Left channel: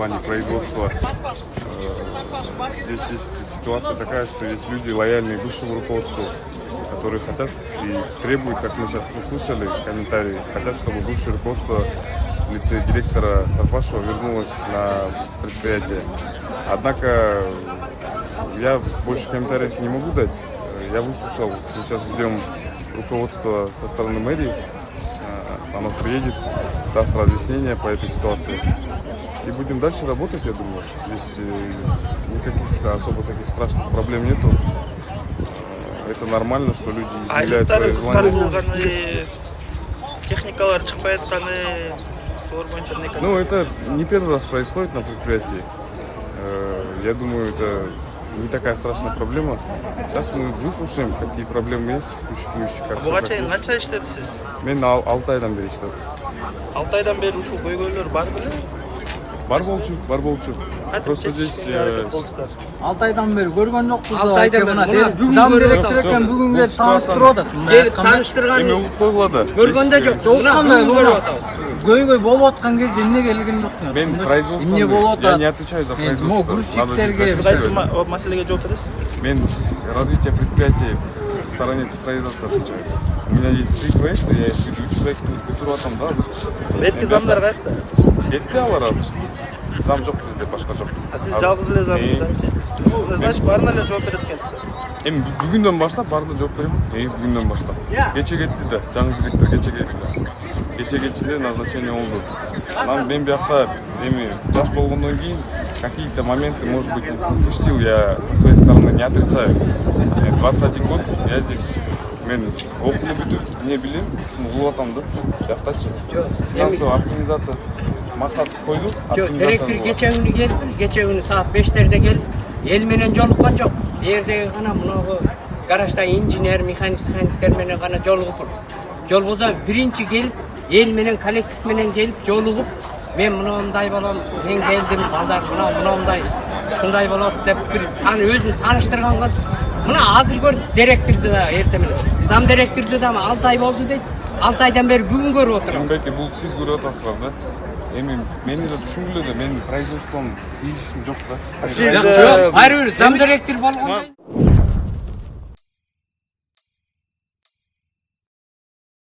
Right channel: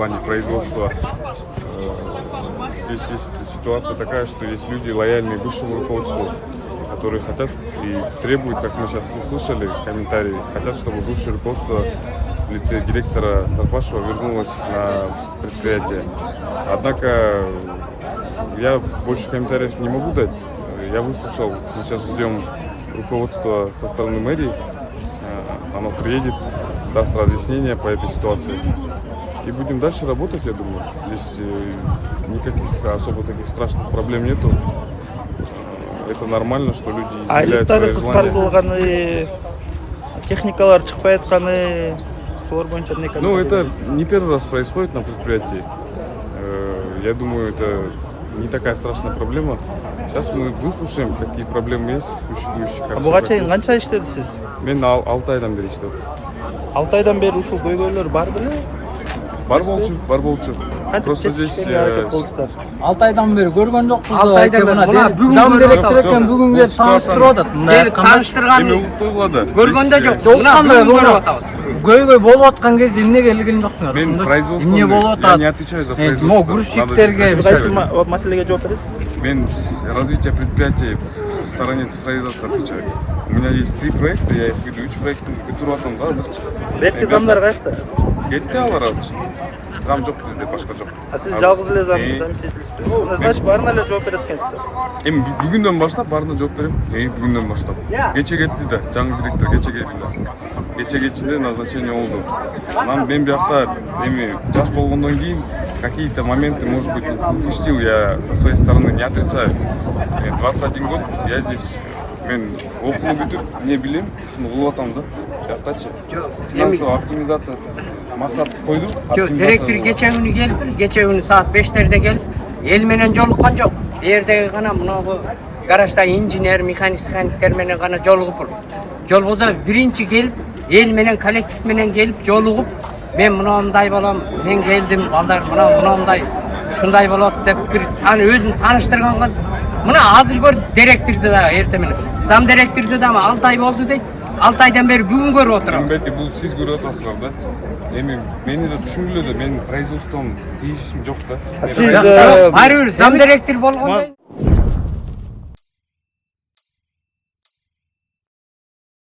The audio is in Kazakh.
плане производства. Здесь есть ситуация такая, что есть люди лояльные бывшему руководству, которые хотят и требуют, как мы сейчас услышали комментарии, хотят, чтобы бывшее руководство в лице директора Сарпашева вернулось на предприятие. Однако я больше комментариев не могу дать. Я выслушал, мы сейчас ждем руководства со стороны мэрии. Оно приедет, даст разъяснение по этой ситуации. И будем дальше работать, я думаю. Здесь никаких особо таких страшных проблем нету. Это нормально, что люди изъявляют свои желания. Техникалар чыкпай атканы, шулар боюнча эмне? Ну, это не первый раз происходит на предприятии. Я думаю, это не такая страшная проблема. Сейчас мы выслушаем, какие проблемы есть существующие. Буга чейин канча иштедисиз? Мен 6 айдан бери иштедим. 6 айдан бери ушул көйгөйлөр барбы? Бар болчу. Просто здесь 6 айдан бeri көргөн жокпуз. 6 айдан бeri мына бүгүн бүгүн келип тааныштырып атат. Келип тааныштырган көргөндө жок. Мына бүгүн көрүп атабыз. Көйгөй болуп аткан кезде эмне келген жоксуңар? Мен производство. Эмне болуп атат? Я не отвечаю за производство. Могу грузчиктерге Маселеге жооп бересиз? Мен с развития предприятий в стороне цифровизации отвечаю. У меня есть 3 проекта, я их веду. 3 проекта бітирип атам да. Берки замдар кайякта? Кетти алар азыр. Зам жок бизде, башка жок. Сиз жалгыз эле замсыз. Значит, баарына эле жооп берет экенсиз. Эми бүгүндөн баштап баарына жооп берем. Бүгүндөн баштап. Кече кетти да, жаңы директор кече кетти да. Кече кетчинде назначение болду. Анан мен биякта эми жаш болгондон кийин какие-то моменты, может быть, упустил я со своей стороны, не отрицаю. Мне 21 год, я здесь, мен окуу бүтүп, эмне билем, ушуну кылып атам да. Жактачы. Финансовая оптимизация. Максат койду. Жок, директор кече күнү келип, кече күнү саат 5-терде келип, эл менен жолуккан жок. Бердеги гана мынагу гаражда инженер, механиктер менен гана жолугуп. Жолбозо биринчи келип, эл менен коллектив менен келип жолугуп, мен мындай болом, мен келдим, балдар мындай, ушундай болот деп бир өзүн тааныштырганга мына азыр көр директорду да эрте менен. Зам директорду да 6 ай болду дейт. 6 айдан бери бүгүн көрүп отурам. Бул сиз көрүп атасыздар да. Эми мени да түшүнгүлө да, менин производством тийишим жок да. Жок, баары бир зам директор болгондо